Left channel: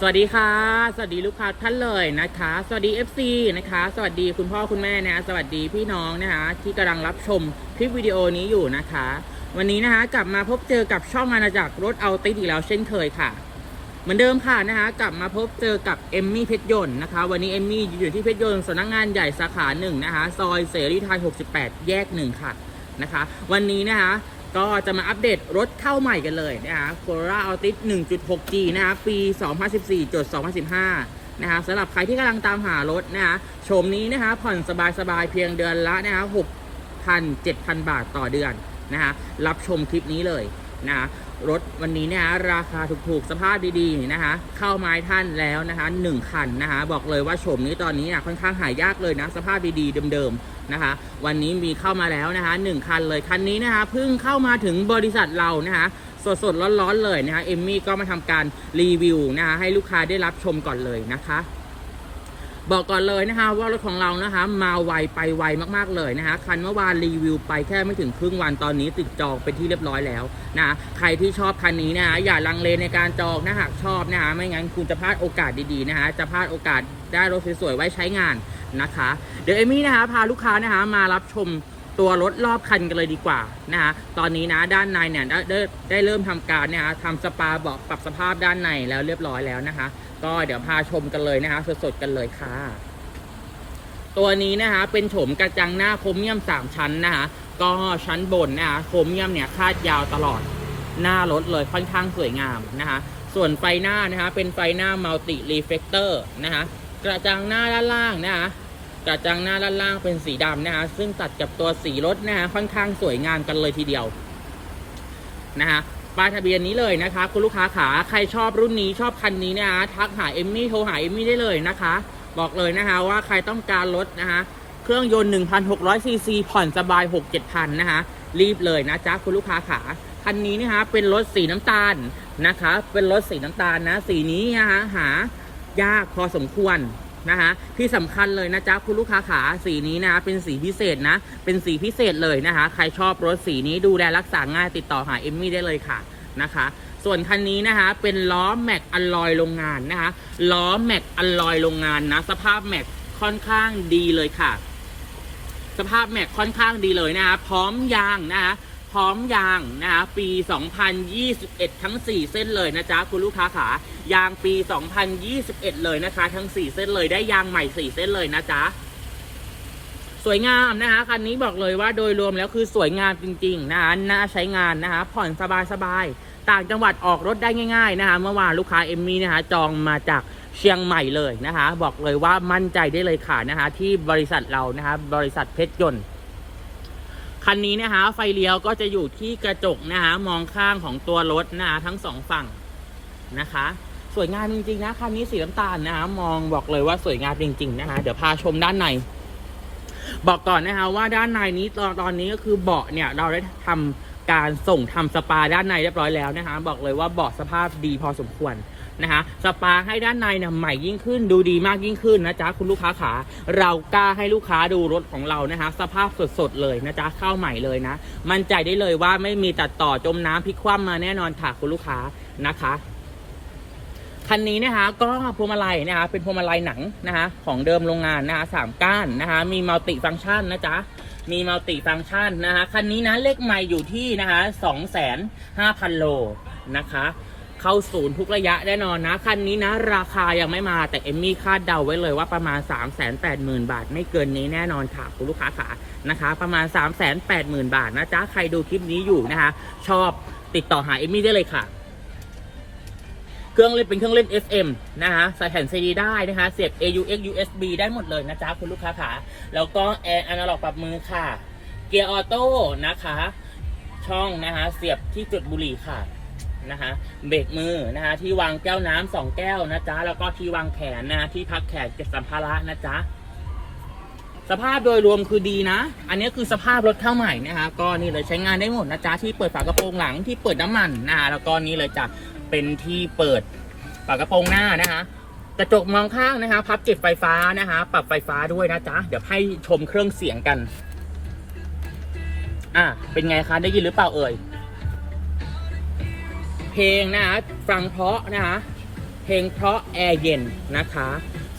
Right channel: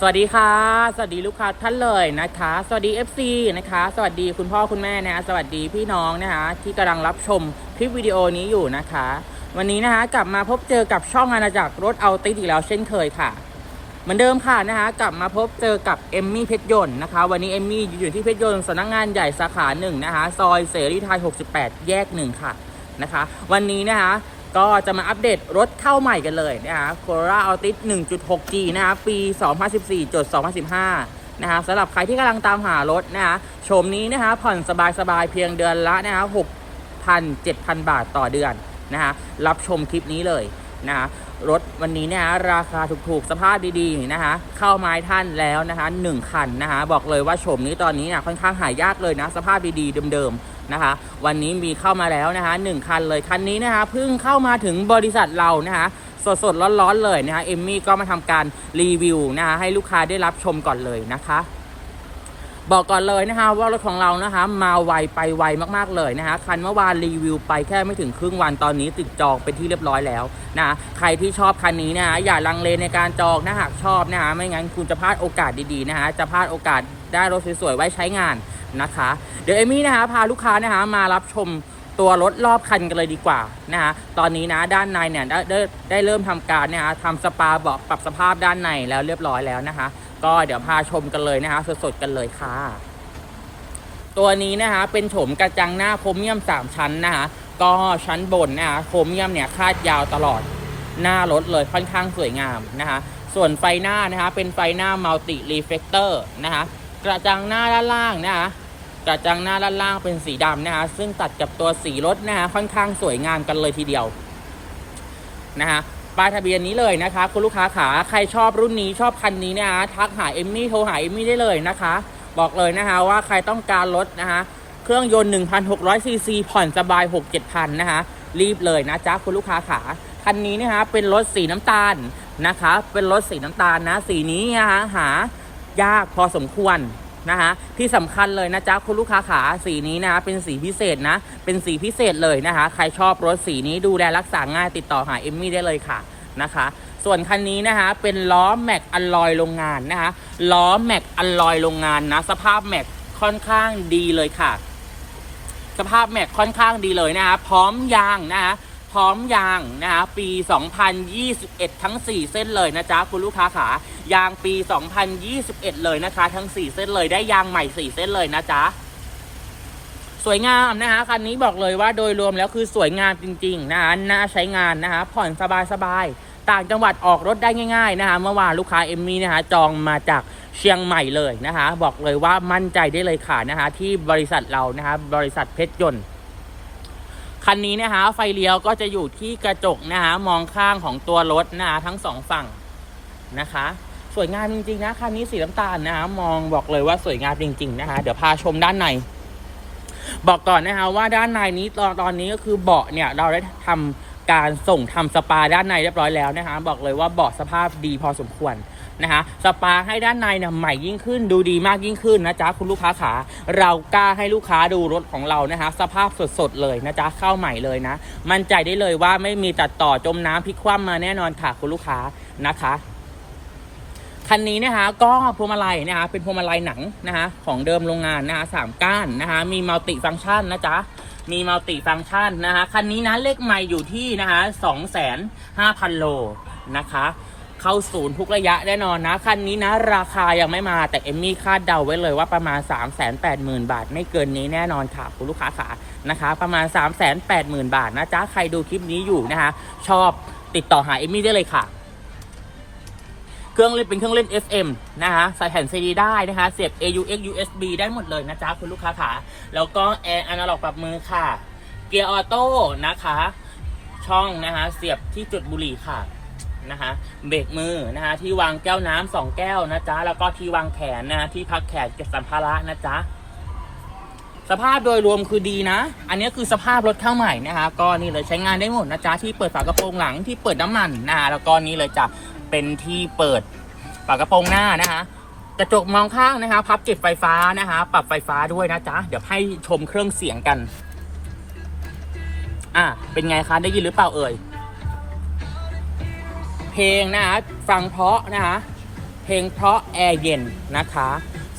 สวัสดีค่ะ สวัสดีลูกค้าท่านเลยนะคะ สวัสดี FC นะคะ สวัสดีคุณพ่อคุณแม่นะสวัสดีพี่น้องนะคะ ที่กำลังรับชมคลิปวิดีโอนี้อยู่นะคะ วันนี้นะคะกลับมาพบเจอกับช่องอาณาจักรรถเอาติดอีกแล้วเช่นเคยค่ะ เหมือนเดิมค่ะนะคะ กลับมาพบเจอกับเอมมี่เพชรยนต์นะคะ วันนี้เอมมี่อยู่ที่เพชรยนต์สำนักงานใหญ่สาขาหนึ่งนะคะ ซอยเสรีไทย 68 แยกหนึ่งค่ะนะคะ วันนี้นะคะ ก็จะมาอัปเดตรถเข้าใหม่กันเลยนะคะ Corolla Altis 1.6G นะครับปี 2014จด2015 นะคะสำหรับใครที่กำลังตามหารถนะคะชมนี้นะคะผ่อนสบายๆ เพียงเดือนละนะคะ6,000 7,000 บาทต่อเดือนนะคะรับชมคลิปนี้เลยนะะ รถวันนี้เนะคะราคาถูกๆ สภาพดีๆนะคะ เข้าไม้ท่านแล้วนะคะ1คันนะคะ บอกเลยว่าโฉมนี้ตอนนี้น่ะค่อนข้างหายากเลยนะ สภาพดีๆเดิมๆนะคะ วันนี้มีเข้ามาแล้วนะคะหนึ่งคันเลยคันนี้นะคะเพิ่งเข้ามาถึงบริษัทเรานะคะสดๆร้อนๆเลยนะคะเอมมี่ก็มาทำการรีวิวนะคะให้ลูกค้าได้รับชมก่อนเลยนะคะ บอกก่อนเลยนะคะว่ารถของเรานะคะมาไวไปไวมากๆเลยนะคะคันเมื่อวานรีวิวไปแค่ไม่ถึงครึ่งวันตอนนี้ติดจองเป็นที่เรียบร้อยแล้วนะใครที่ชอบคันนี้นะคะอย่าลังเลในการจองนะหากชอบนะคะไม่งั้นคุณจะพลาดโอกาสดีๆนะคะจะพลาดโอกาสได้รถสวยๆไว้ใช้งานนะคะ เดี๋ยวเอมี่นะคะพาลูกค้านะคะมารับชม ตัวรถรอบคันกันเลยดีกว่านะคะตอนนี้นะด้านในเนี่ยได้ได้ได้เริ่มทำการนะคะทำสปาเบาะปรับสภาพด้านในแล้วเรียบร้อยแล้วนะคะก็เดี๋ยวพาชมกันเลยนะคะสดๆกันเลยค่ะตัวนี้นะคะเป็นโฉมกระจังหน้าโครเมียม 3 ชั้นนะคะก็ชั้นบนนะคะโครเมียมเนี่ยคาดยาวตลอดหน้ารถเลยค่อนข้างสวยงามนะคะส่วนไฟหน้านะคะเป็นไฟหน้ามัลติรีเฟกเตอร์นะคะกระจังหน้าด้านล่างนะคะ กระจังหน้าด้านล่างเป็นสีดำนะคะซึ่งตัดกับตัวสีรถนะคะค่อนข้างสวยงามกันเลยทีเดียวนะคะป้ายทะเบียนนี้เลยนะคะคุณลูกค้าขาใครชอบรุ่นนี้ชอบคันนี้นะคะทักหาเอมมี่โทรหาเอมมี่ได้เลยนะคะ บอกเลยนะคะว่าใครต้องการรถนะคะเครื่องยนต์ 1,600ซีซีผ่อนสบาย 6-7,000นะคะรีบเลยนะจ๊ะคุณลูกค้าขาคันนี้นะคะเป็นรถสีน้ำตาลนะคะ เป็นรถสีน้ำตาลนะ สีนี้นะคะหายากพอสมควร นะคะที่สำคัญเลยนะจ๊ะคุณลูกค้าขาสีนี้นะคะเป็นสีพิเศษนะ เป็นสีพิเศษเลยนะคะ ใครชอบรถสีนี้ดูแลรักษาง่ายติดต่อหาเอมมี่ได้เลยค่ะนะคะ ส่วนคันนี้นะคะเป็นล้อแม็กอลลอยโรงงานนะคะล้อแม็กอลลอยโรงงานนะ สภาพแม็กค่อนข้างดีเลยค่ะ สภาพแม็กค่อนข้างดีเลยนะคะพร้อมยางนะคะ ร้อมยางนะคะปี 2021 ทั้ง 4 เส้นเลยนะจ๊ะคุณลูกค้าขายางปี 2021 เลยนะคะ ทั้ง 4 เส้นเลยได้ยางใหม่ 4 เส้นเลยนะจ๊ะสวยงามนะคะคันนี้บอกเลยว่าโดยรวมแล้วคือสวยงามจริงๆนะคะน่าใช้งานนะคะผ่อนสบายๆต่างจังหวัดออกรถได้ง่าย ๆนะคะ เมื่อวานลูกค้าเอมมี่นะคะจองมาจากเชียงใหม่เลยนะคะ บอกเลยว่ามั่นใจได้เลยค่ะนะคะที่บริษัทเรานะคะบริษัทเพชรยนต์ คันนี้นะคะไฟเลี้ยวก็จะอยู่ที่กระจกนะคะมองข้างของตัวรถนะะทั้งสองฝั่งนะคะ สวยงามจริงๆนะคันนี้สีน้ำตาลนะคะมองบอกเลยว่าสวยงามจริงๆนะคะเดี๋ยวพาชมด้านใน บอกก่อนนะคะว่าด้านในนี้ตอนตอนนี้ก็คือเบาะเนี่ยเราได้ทำการส่งทำสปาด้านในเรียบร้อยแล้วนะคะบอกเลยว่าเบาะสภาพดีพอสมควร นะคะสปาให้ด้านในเนี่ยใหม่ยิ่งขึ้นดูดีมากยิ่งขึ้นนะจ๊ะคุณลูกค้าขาเรากล้าให้ลูกค้าดูรถของเรานะคะสภาพสดๆเลยนะจ๊ะเข้าใหม่เลยนะ มั่นใจได้เลยว่าไม่มีตัดต่อจมน้ำพลิกคว่ำมาแน่นอนค่ะคุณลูกค้านะคะคันนี้นะคะก็พวงมาลัยนะคะเป็นพวงมาลัยหนังนะคะของเดิมโรงงานนะคะสามก้านนะคะมีมัลติฟังก์ชันนะจ๊ะมีมัลติฟังก์ชันนะคะคันนี้นะเลขไม่อยู่ที่นะคะสองแสนห้าพันโลนะคะ เข้าศูนย์ทุกระยะแน่นอนนะ คันนี้นะ ราคายังไม่มาแต่เอมมี่คาดเดาไว้เลยว่าประมาณ 3 8 0 0 0 0 บาท ไม่เกินนี้แน่นอนค่ะ คุณลูกค้าขานะคะ ประมาณ 3 8 0 0 0 0 บาทนะจ๊ะ ใครดูคลิปนี้อยู่นะคะ ชอบติดต่อหาเอมมี่ได้เลยค่ะเครื่องเล่นเป็นเครื่องเล่น FM นะคะใส่แผ่นซีดีได้นะคะเสียบ AUX USB ได้หมดเลยนะจ๊ะคุณลูกค้าขาแล้วก็แอร์อนาล็อกปรับมือค่ะ เกียร์ออโต้นะคะ ช่องนะคะเสียบที่จุดบุหรี่ค่ะ นะคะเบรกมือนะคะที่วางแก้วน้ำสองแก้วนะจ๊ะแล้วก็ที่วางแขนนะที่พักแขนเก็บสัมภาระนะจ๊ะสภาพโดยรวมคือดีนะ อันนี้คือสภาพรถเข้าใหม่นะคะ ก็นี่เลยใช้งานได้หมดนะจ๊ะที่เปิดฝากระโปรงหลังที่เปิดน้ำมันนะคะแล้วก็นี่เลยจะเป็นที่เปิดฝากระโปรงหน้านะคะกระจกมองข้างนะคะ พับเก็บไฟฟ้านะคะ ปรับไฟฟ้าด้วยนะจ๊ะเดี๋ยวให้ชมเครื่องเสียงกัน อะเป็นไงคะได้ยินหรือเปล่าเอ่ย เพลงนะคะฟังเพราะนะคะเพลงเพราะแอร์เย็นนะคะ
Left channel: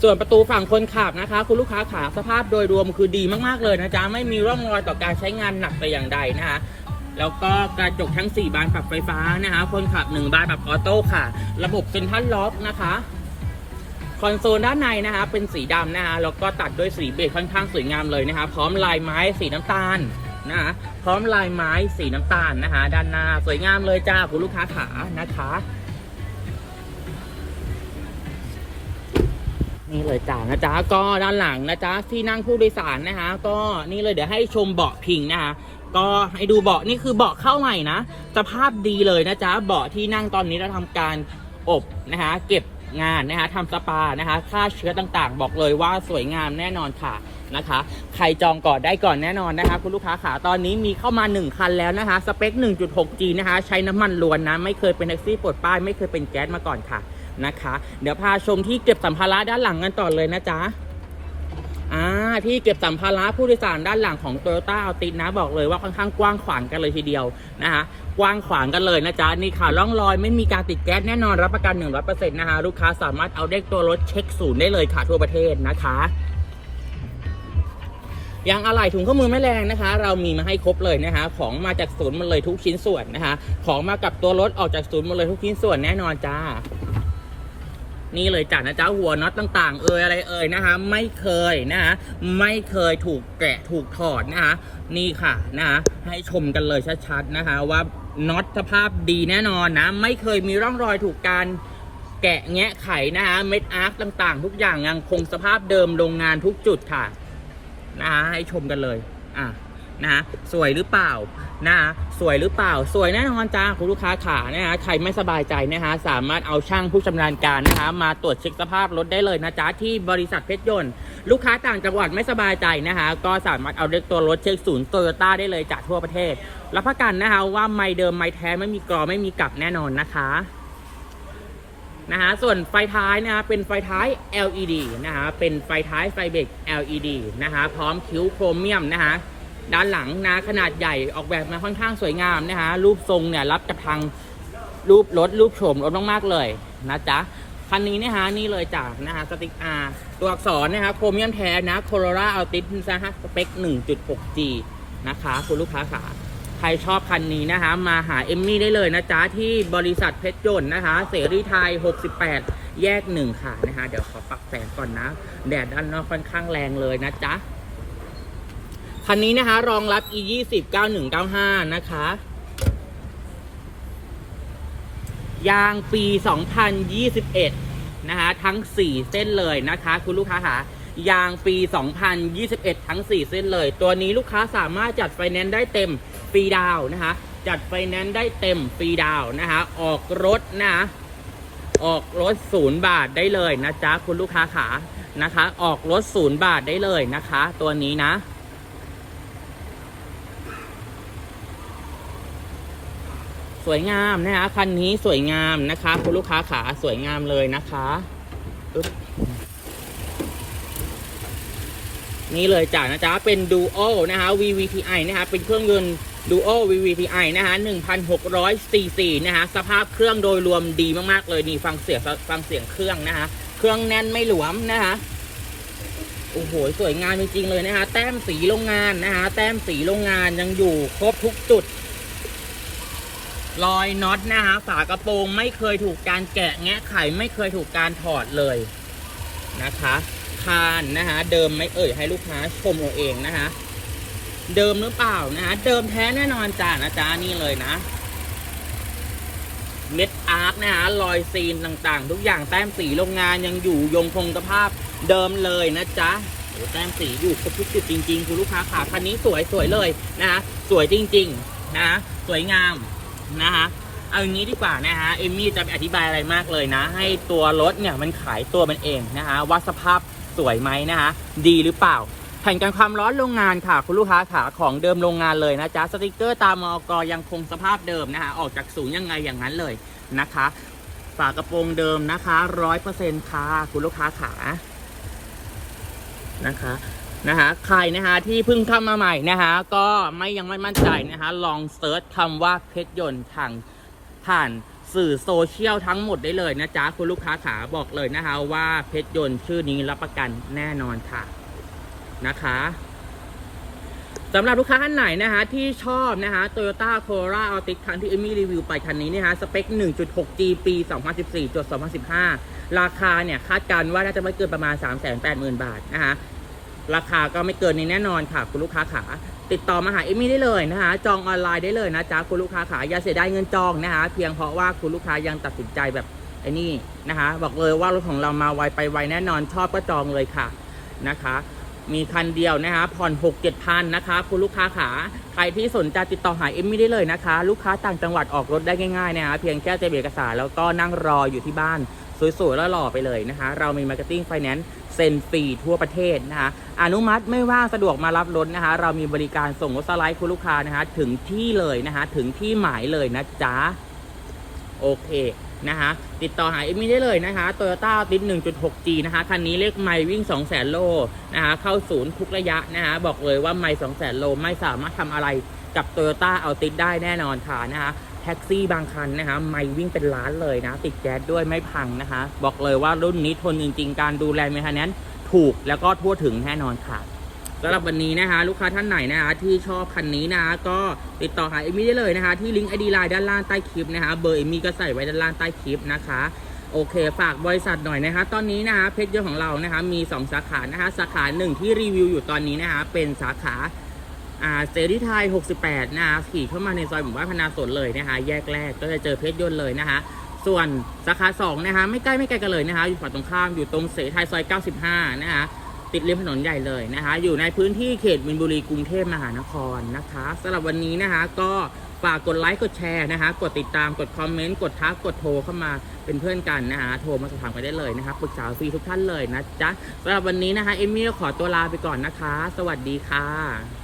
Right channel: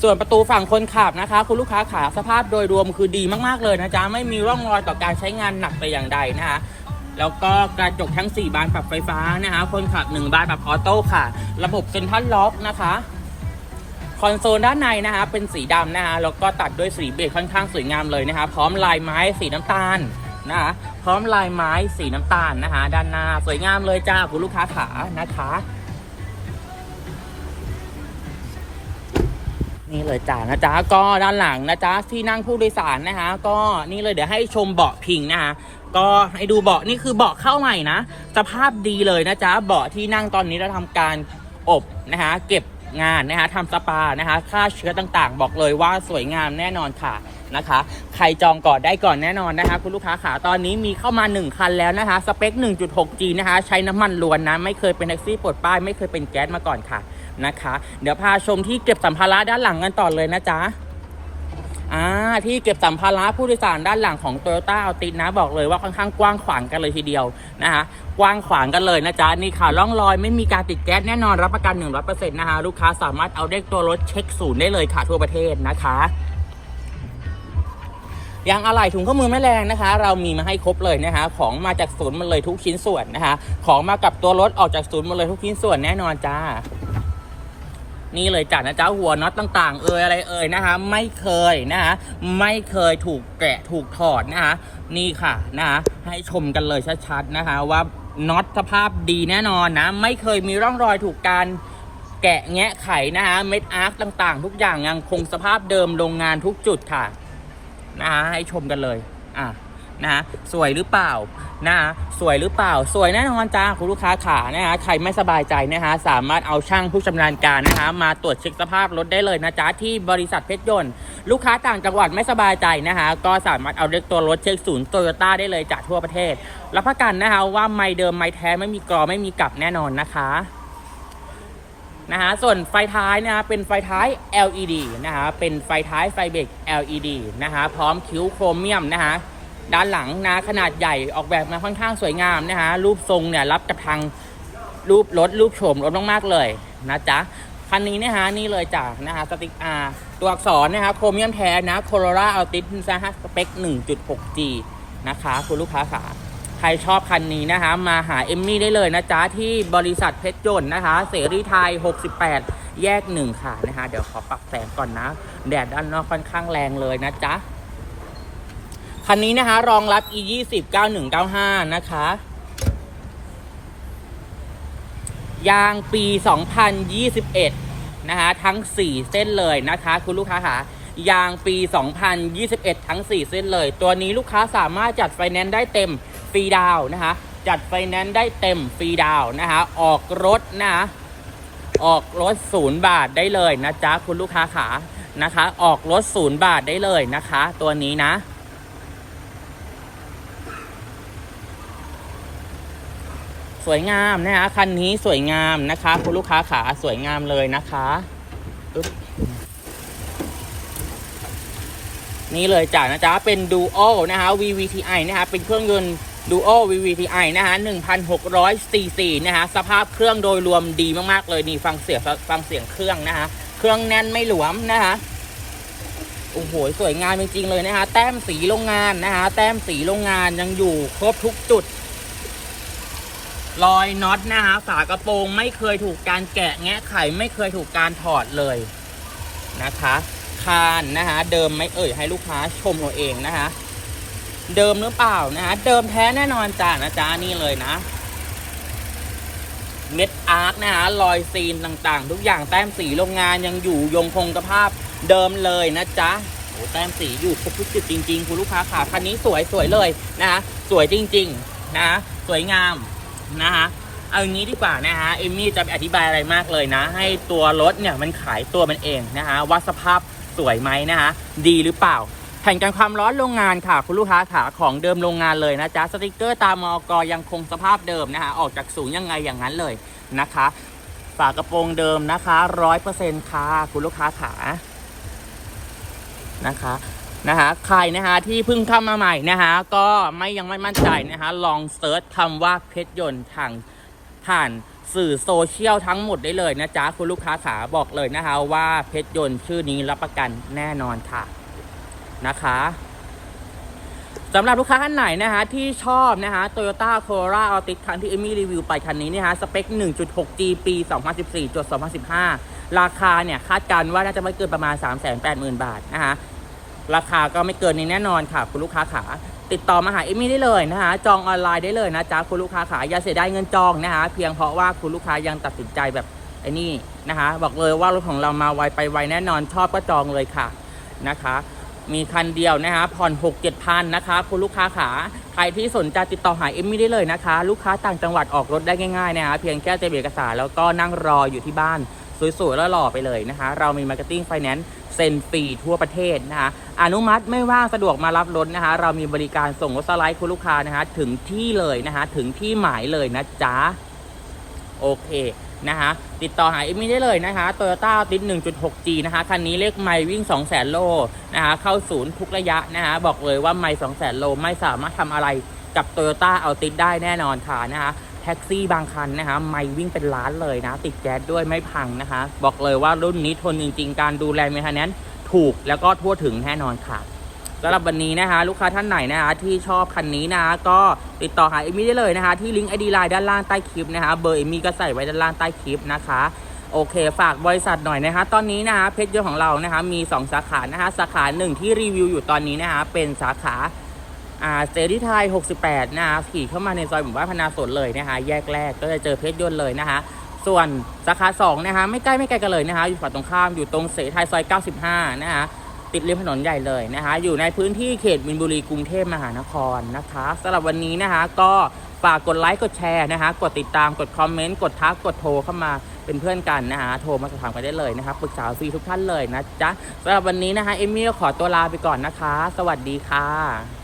ส่วนประตูฝั่งคนขับนะคะ คุณลูกค้าขาสภาพโดยรวมคือดีมากๆเลยนะจ๊ะไม่มีร่องรอยต่อการใช้งานหนักแต่อย่างใดนะคะแล้วก็กระจกทั้ง 4 บานปรับไฟฟ้านะคะ คนขับ 1 บานแบบออโต้ค่ะ ระบบเซ็นทรัลล็อกนะคะคอนโซลด้านในนะคะเป็นสีดำนะคะแล้วก็ตัดด้วยสีเบจค่อนข้างสวยงามเลยนะคะพร้อมลายไม้สีน้ำตาล นะคะพร้อมลายไม้สีน้ำตาลนะคะ ด้านหน้าสวยงามเลยจ้าคุณลูกค้าขานะคะนี่เลยจ้านะจ๊ะก็ด้านหลังนะจ๊ะที่นั่งผู้โดยสารนะคะ ก็นี่เลยเดี๋ยวให้ชมเบาะพิงนะคะก็ให้ดูเบาะนี่คือเบาะเข้าใหม่นะสภาพดีเลยนะจ๊ะเบาะที่นั่งตอนนี้เราทำการอบนะคะ เก็บงานนะคะทำสปานะคะฆ่าเชื้อต่างๆ บอกเลยว่าสวยงามแน่นอนค่ะ นะคะ ใครจองก่อนได้ก่อนแน่นอนนะคะ คุณลูกค้าขาตอนนี้มีเข้ามา 1 คันแล้วนะคะ สเปค 1.6G นะคะ ใช้น้ำมันล้วนนะ ไม่เคยเป็นแท็กซี่ปลดป้าย ไม่เคยเป็นแก๊สมาก่อนค่ะนะคะ เดี๋ยวพาชมที่เก็บสัมภาระด้านหลังกันต่อเลยนะจ๊ะอ่าที่เก็บสัมภาระผู้โดยสารด้านหลังของ t o y ยต้าอัลตินะบอกเลยว่าค่อนข้างกว้างขวางกันเลยทีเดียวนะคะกว้างขวางกันเลยนะจ๊ะนี่ค่ะร่องรอยไม่มีการติดแก๊สแน่นอนรับประกัน 100%นะคะลูกค้าสามารถเอาเลขตัวรถเช็คศูนย์ได้เลยค่ะทั่วประเทศนะคะ ยางอะไหล่ถุงข้อมือแม่แรงนะคะ เรามีมาให้ครบเลยนะคะ ของมาจากศูนย์หมาเลยทุกชิ้นส่วนนะคะ ของมากับตัวรถออกจากศูนย์หมาเลยทุกชิ้นส่วนแน่นอนจ้านี่เลยจ้ะนะจ๊ะหัวน็อตต่าง ๆ เอ่ยอะไรเอ่ยนะคะ ไม่เคยนะคะไม่เคยถูกแกะถูกถอดนะคะนี่ค่ะนะคะให้ชมกันเลยชัดๆนะคะ ว่าน็อตสภาพดีแน่นอนนะ ไม่เคยมีร่องรอยถูกการแกะแงะไขนะคะเม็ดอาร์คต่าง ๆ ทุกอย่างยังคงสภาพเดิมโรงงานทุกจุดค่ะ นะคะให้ชมกันเลยอะนะสวยหรือเปล่านะสวยหรือเปล่า สวยแน่นอนจ้าคุณลูกค้าขานะฮะใครไม่สบายใจนะคะสามารถเอาช่างผู้ชำนาญการนะคะมาตรวจเช็คสภาพรถได้เลยนะจ๊ะที่บริษัทเพชรยนต์ ลูกค้าต่างจังหวัดไม่สบายใจนะคะก็สามารถเอาเลือกตัวรถเช็คศูนย์โตโยต้าได้เลยจากทั่วประเทศรับประกันนะคะว่าไม่เดิมไม่แท้ไม่มีกรอไม่มีกลับแน่นอนนะคะ นะคะส่วนไฟท้ายนะคะเป็นไฟท้าย LED นะคะเป็นไฟท้ายไฟเบรก LED นะคะพร้อมคิ้วโครเมียมนะคะด้านหลังนะขนาดใหญ่ออกแบบมาค่อนข้างสวยงามนะคะรูปทรงเนี่ยรับจากทางรูปรถรูปโฉมรถมากๆเลยนะจ๊ะคันนี้นะฮะนี่เลยจากนะฮะสติกอาตัวอักษรนะครับโครเมียมแท้นะโคโรล่าอัลติสนะฮะสเปค 1.6G นะคะ คุณลูกค้าขา ใครชอบคันนี้นะคะ มาหาเอมมี่ได้เลยนะจ๊ะ ที่บริษัทเพชรยนต์นะคะ เสรีไทย 68 แยก1ค่ะนะคะ เดี๋ยวขอปรับแสงก่อนนะ แดดด้านนอกค่อนข้างแรงเลยนะจ๊ะ คันนี้นะคะ รองรับ e 2 0 9195 นะคะ ยางปี 2021 นะคะ ทั้ง 4 เส้นเลยนะคะ คุณลูกค้าค่ะ ยางปี2021 ทั้ง 4 เส้นเลย ตัวนี้ลูกค้าสามารถจัดไฟแนนซ์ได้เต็มฟรีดาวนะคะ จัดไฟแนนซ์ได้เต็มฟรีดาวน์นะคะ ออกรถนะคะออกรถศูนย์บาทได้เลยนะจ๊ะคุณลูกค้าขานะคะ ออกรถศูนย์บาทได้เลยนะคะ ตัวนี้นะสวยงามนะคะคันนี้สวยงามนะคะ คุณลูกค้าขาสวยงามเลยนะคะปึ๊บ นี่เลยจ้ะนะจ๊ะเป็น Duo นะคะ VVTi นะคะเป็นเครื่องยนต์ Duo VVTi นะคะ1,600 cc นะคะสภาพเครื่องโดยรวมดีมากๆเลยนี่ฟังเสียงฟังเสียงเครื่องนะคะเครื่องแน่นไม่หลวมนะคะโอ้โหสวยงามจริงๆเลยนะคะแต้มสีโรงงานนะคะแต้มสีโรงงานยังอยู่ครบทุกจุดรอยน็อตนะคะฝากระโปรงไม่เคยถูกการแกะแงะไขไม่เคยถูกการถอดเลยนะคะ คานนะคะเดิมไม่เอ่ยให้ลูกค้าชมเราเองนะคะเดิมหรือเปล่านะคะเดิมแท้แน่นอนจ้านะจ๊ะนี่เลยนะเม็ดอาร์คนะคะรอยซีนต่างๆ ทุกอย่างแต้มสีโรงงานยังอยู่ยงคงสภาพเดิมเลยนะจ๊ะโอ้แต้มสีอยู่ครบทุกจุดจริง ๆ คุณลูกค้าขาคันนี้สวยสวยเลยนะคะสวยจริง ๆ นะสวยงามนะคะเอาอย่างนี้ดีกว่านะฮะเอมมี่จะไปอธิบายอะไรมากเลยนะ ให้ตัวรถเนี่ยมันขายตัวมันเองนะคะว่าสภาพ สวยไหมนะคะดีหรือเปล่า แผ่นกันความร้อนโรงงานค่ะ คุณลูกค้าขาของเดิมโรงงานเลยนะจ๊ะสติกเกอร์ตามมอกยังคงสภาพเดิมนะคะออกจากศูนย์ยังไงอย่างนั้นเลยนะคะ ฝากระโปรงเดิมนะคะร้อยเปอร์เซ็นต์ค่ะคุณลูกค้าขานะคะนะคะใครนะคะที่เพิ่งเข้ามาใหม่นะคะก็ไม่ยังไม่มั่นใจนะคะลองเซิร์ชคำว่าเพชรยนต์ทางผ่าน สื่อโซเชียลทั้งหมดได้เลยนะจ๊ะ คุณลูกค้าขาบอกเลยนะคะว่าเพชรยนต์ชื่อนี้รับประกันแน่นอนค่ะนะคะสำหรับลูกค้าท่านไหนนะคะที่ชอบนะคะ Toyota Corolla Altis คันที่เอมี่รีวิวไปคันนี้เนยฮะ สเปค 1.6G ปี 2014จด2015 ราคาเนี่ย คาดการณ์ว่าน่าจะไม่เกินประมาณ 380,000 บาทนะคะราคาก็ไม่เกินนี้แน่นอนค่ะ คุณลูกค้าขา ติดต่อมาหาเอมี่ได้เลยนะคะจองออนไลน์ได้เลยนะจ๊ะคุณลูกค้าขาอย่าเสียดายเงินจองนะคะเพียงเพราะว่าคุณลูกค้ายังตัดสินใจแบบไอ้นี่นะคะบอกเลยว่ารถของเรามาไวไปไวแน่นอนชอบก็จองเลยค่ะนะคะ มีคันเดียวนะคะผ่อน6 7พันนะคะ คุณลูกค้าขาใครที่สนใจติดต่อหาเอมมี่ได้เลยนะคะ ลูกค้าต่างจังหวัดออกรถได้ง่ายๆนะคะเพียงแค่เตรียมเอกสารแล้วก็นั่งรออยู่ที่บ้าน สวยๆแล้วหล่อไปเลยนะคะ เรามีมาร์เก็ตติ้งไฟแนนซ์เซ็นฟรีทั่วประเทศนะคะอนุมัติไม่ว่างสะดวกมารับรถนะคะ เรามีบริการส่งรถสไลด์คุณลูกค้านะคะ ถึงที่เลยนะคะ ถึงที่หมายเลยนะจ๊ะ โอเคนะคะติดต่อหาเอมมี่ได้เลยนะคะ Toyota a l t i s 1.6G นะคะ คันนี้เลขไมล์วิ่ง 200,000 โลนะคะ เข้าศูนย์ทุกระยะนะคะ บอกเลยว่าไมล์200,000 โลไม่สามารถทำอะไรกับ Toyota a l t i s ได้แน่นอนค่ะนะคะ ท็กซี่บางคันนะคะไมล์วิ่งเป็นล้านเลยนะ ติดแก๊สด้วยไม่พังนะคะ บอกเลยว่ารุ่นนี้ทนจริง ๆ การดูแลเมนเทนแนนถูกแล้วก็ทั่วถึงแน่นอนค่ะสำหรับวันนี้นะคะลูกค้าท่านไหนนะคะที่ชอบคันนี้นะะก็ติดต่อหาเอมี่ได้เลยนะคะ ที่ลิงก์ไอดีไลน์ด้านล่างใต้คลิปนะคะเบอร์เอมี่ก็ใส่ไว้ด้านล่างใต้คลิปนะคะโอเค ฝากบริษัทหน่อยนะคะ ตอนนี้นะคะเพชรยนต์ของเรานะคะมี 2 สาขานะคะสาขาหนึ่งที่รีวิวอยู่ตอนนี้นะคะเป็นสาขา อ่าเซรีไทย 68 นะคะขี่เข้ามาในซอยหมู่บ้านพนาสนเลยนะคะ แยกแรกก็จะเจอเพชรยนต์เลยนะคะ ส่วนสาขา2นะคะไม่ใกล้ไม่ไกลกันเลยนะคะ อยู่ฝั่งตรงข้ามอยู่ตรงเสรีไทยซอย 95 นะคะติดริมถนนใหญ่เลยนะคะ อยู่ในพื้นที่เขตมินบุรีกรุงเทพมหานครนะคะสำหรับวันนี้นะคะ ก็ฝากกดไลค์กดแชร์นะคะ กดติดตามกดคอมเมนต์กดทักกดโทรเข้ามาเป็นเพื่อนกันนะคะ โทรมาสอบถามกันได้เลยนะคะปรึกษาฟรีทุกท่านเลยนะจ๊ะสำหรับวันนี้นะคะเอมมี่ขอตัวลาไปก่อนนะคะ สวัสดีค่ะ